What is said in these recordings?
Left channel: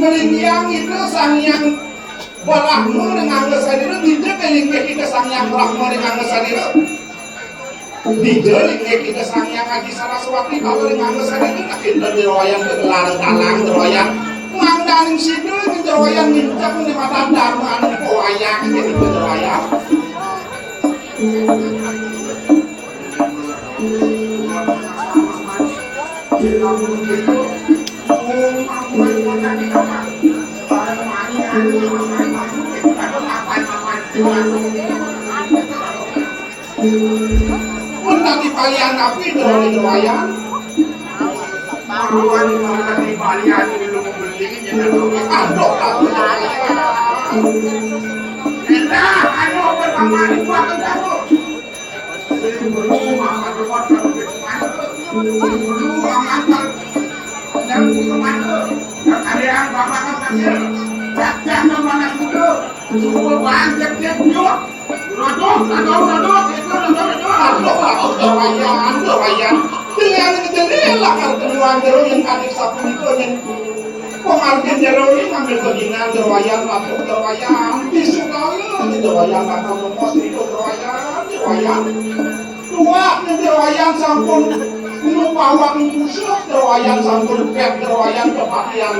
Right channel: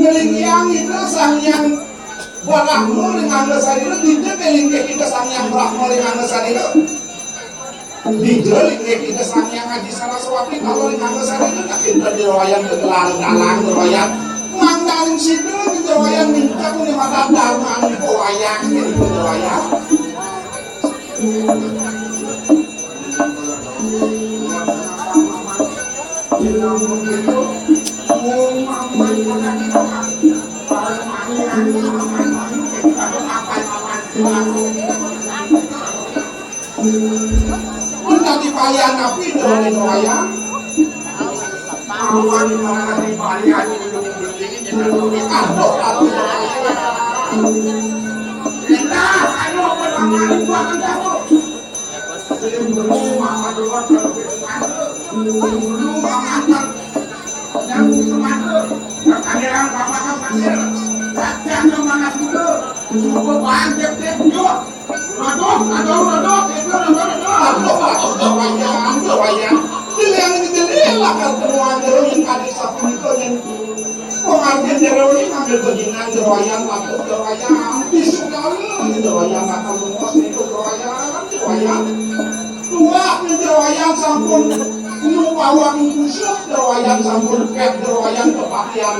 Ngelingyang itu sangyang Brahma dengan ngesan itu tidak ngelingyang kita sangyang Brahma dengan ngesan itu tidak ngelingyang kita sangyang Haji Saraswati kalau dengan ngesan itu tak kita dirawayan ke dalang dirawayan mandang situ dirawayan minta penyematan daruman wayang jadi dirawayan pun tadi payah tapi dari wayang maruan tadi payah belum beli jadi aduh enak ayo pertama buat kamu belum makan luar belum makan yang kemana kalian bapak kecil datang ke mana dulu semua banyak dia juga rodok wayang dengan lah kalau penuan jero yang adik sapu itu yang pengartian jero ini ngambil bagian wayang atau wayang disukai wayang atau lemos itu wayang tua wayang sampun nupawang kusuk wayang sampun pep wayang kepakaian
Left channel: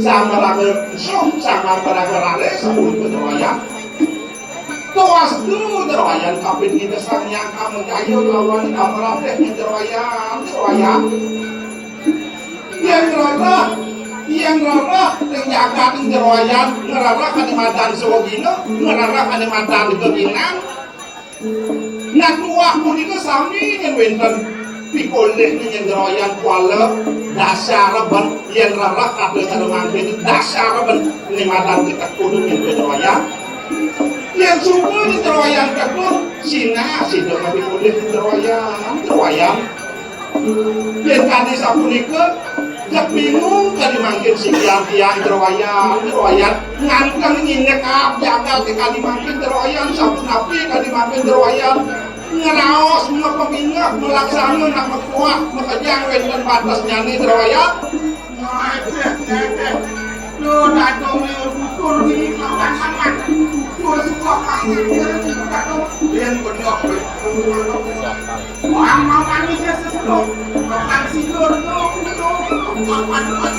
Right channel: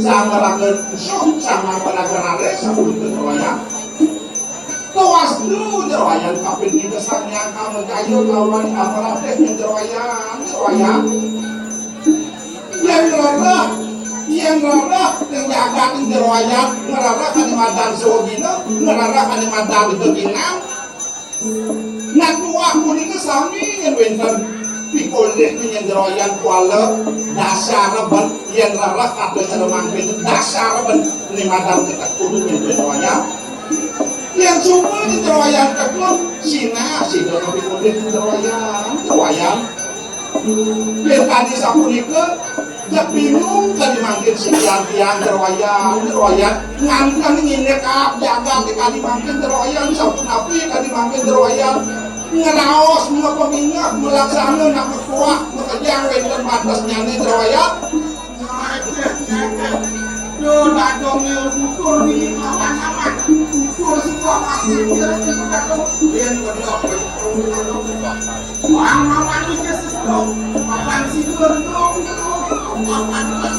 sama raga kusuk sama raga rale sampun wayang tuas dulu wayang kapit di desangnya kamu kayu lawan kamerapet wayang yang rara menjaga wayang ngerara kalimantan sewabina ngerara kalimantan beginang nak tuah muni kesami yang winter pikul deh yang wayang kuala dasar ben yang rara kata cara mangkin dasar ben kalimantan kita kudu yang wayang yang semua di terwayang kedua Cina sido tapi boleh terwayang yang tadi sapunika bingung tadi makin siang terwayang ngangkang nyinek jaga tadi makin terwayang sapun api tadi makin terwayang ngeraos semua pemingat melaksana nama kuah mekejang dengan batas nyanyi terwayang lo datang ukur ni makan ukur semua masih yang benar makan ni keseluruh makan sidur makan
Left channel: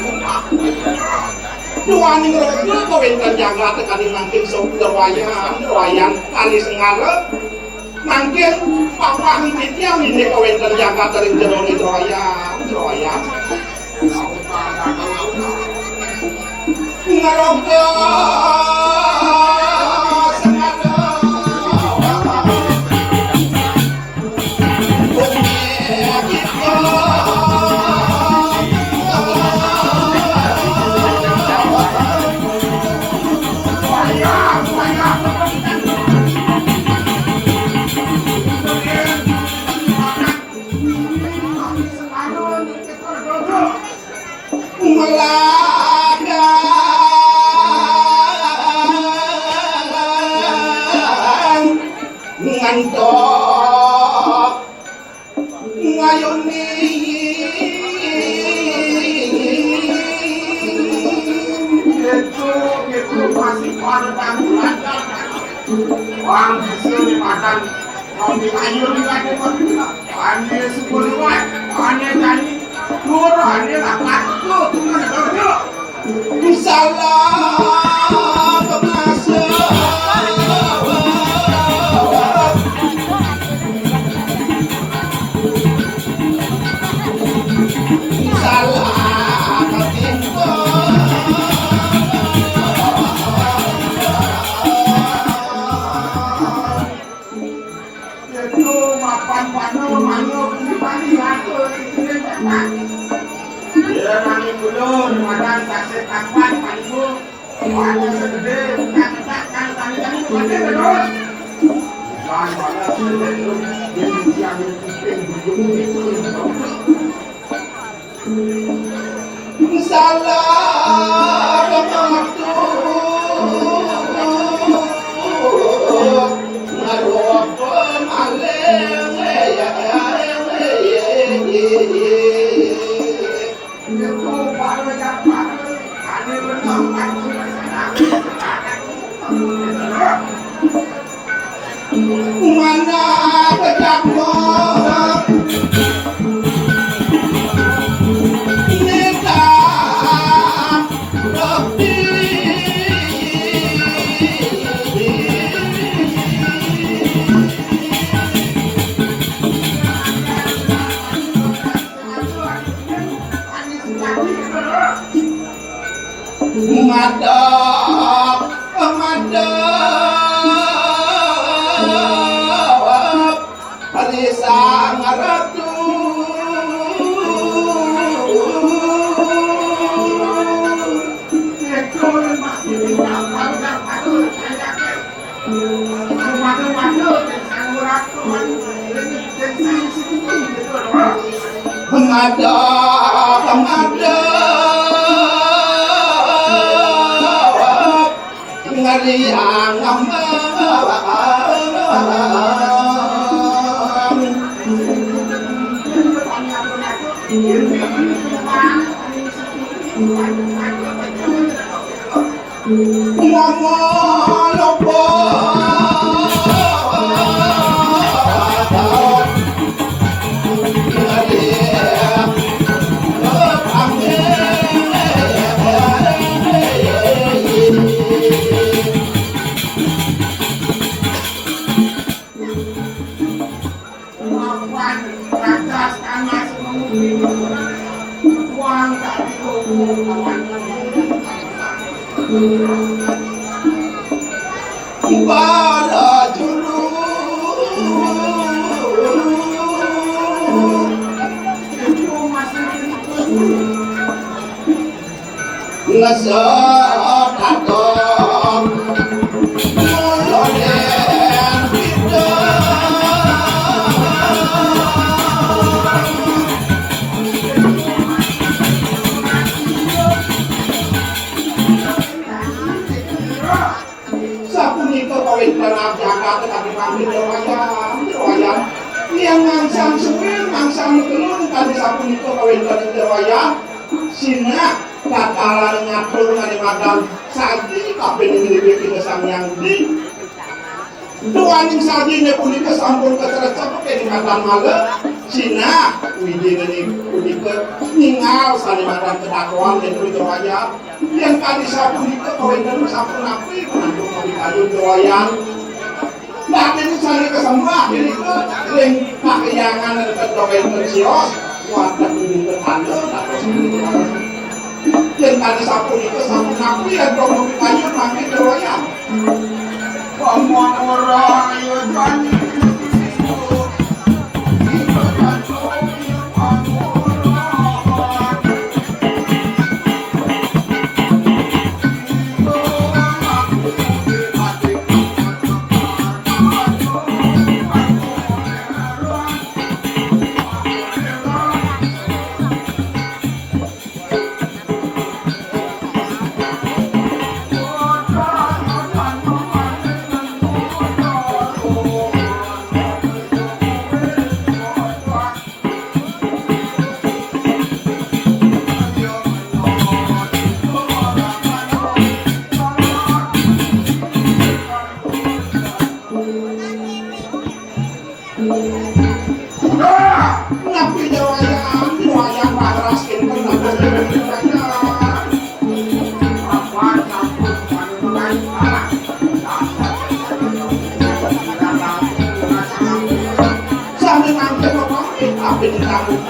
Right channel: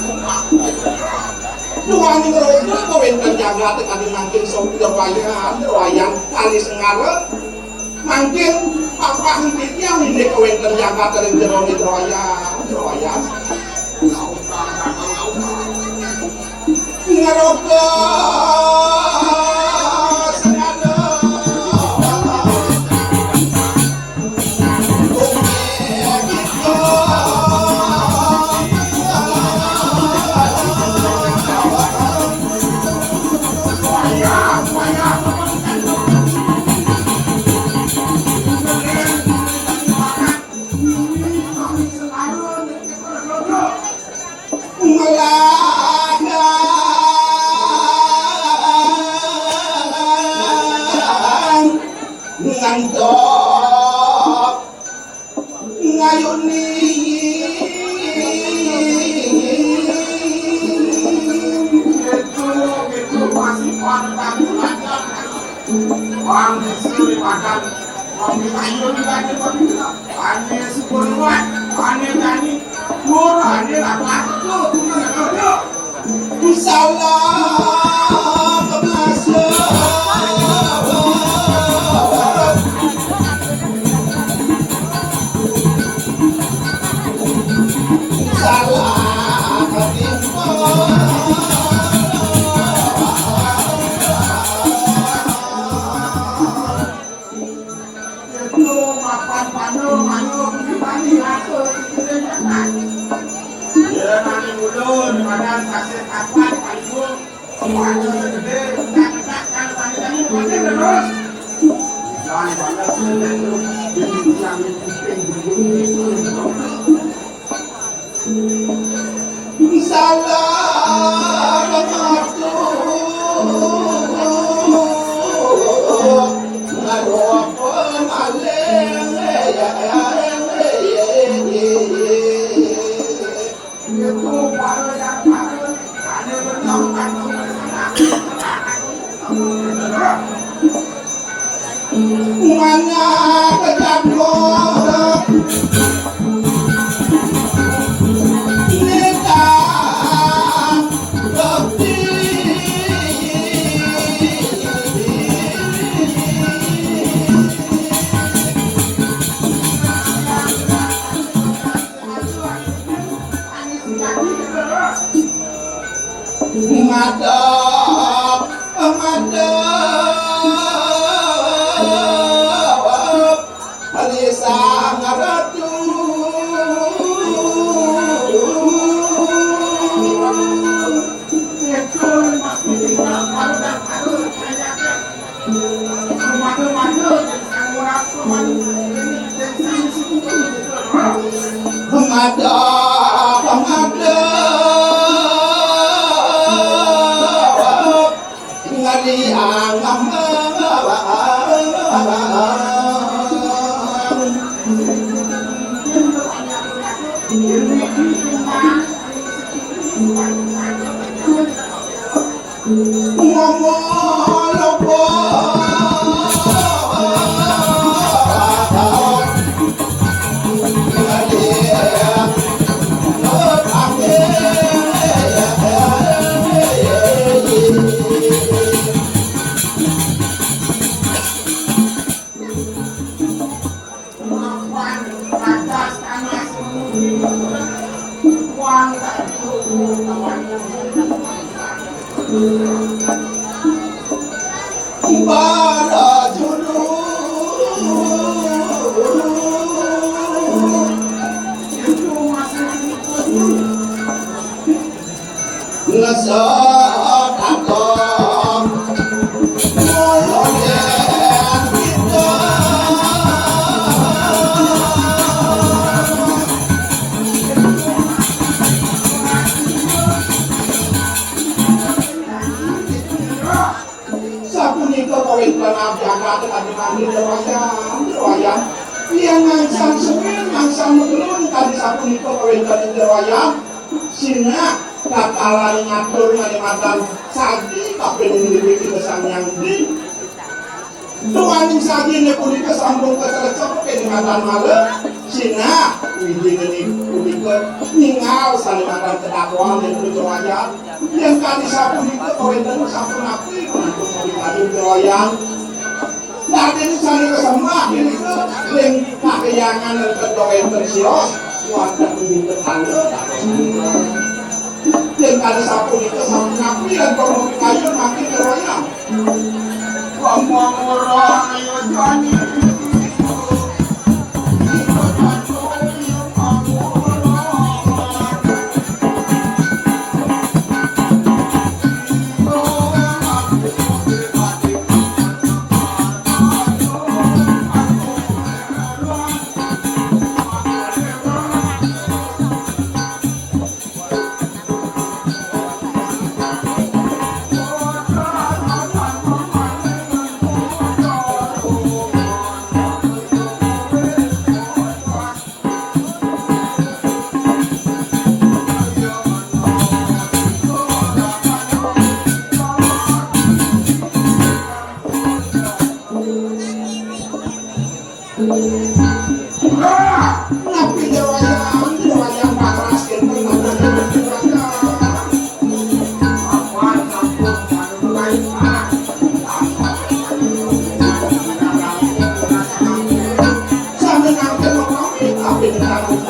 tuan ni kalau kau yang jaga tekani makin sok wayang kali sengara makin apa hidupnya ni kau yang jaga terin jerong itu wayang ngerokok sengaja ngantok ngayuni itu masih orang orang disini makan kami ayuni lagi ane sepuluh ane jadi tur ane lakat tuh salah anak kecampur neta bakti madap madap hari sang ratu madap madap ngari angam para juru ngasat atom muloden kita sapunika kawin tanah jagat tetapi kami derwayam yang ngangsang suwil ngangsang telur tadi sapunika kawin tanah derwayam sina kakala ngatur ngalimadan sadi kapil ini sang yang di tuaning sadi ne punika sambung kecercap kenikmatan malam sina wijin ini punika ningal salimadan kedakwaan dan derwayam yang kali sapunika kawin tanah sapunapi untuk dikadung derwayam dan ini sari kesemua ini ke ring kakiangan dan kedawin tersios warga kuning tertanda atau sari yang ada sapu itu sapu napi yang promosi kayu makin derwayam ngomong orang ayo jani napi derwayam paras kene sampai nanti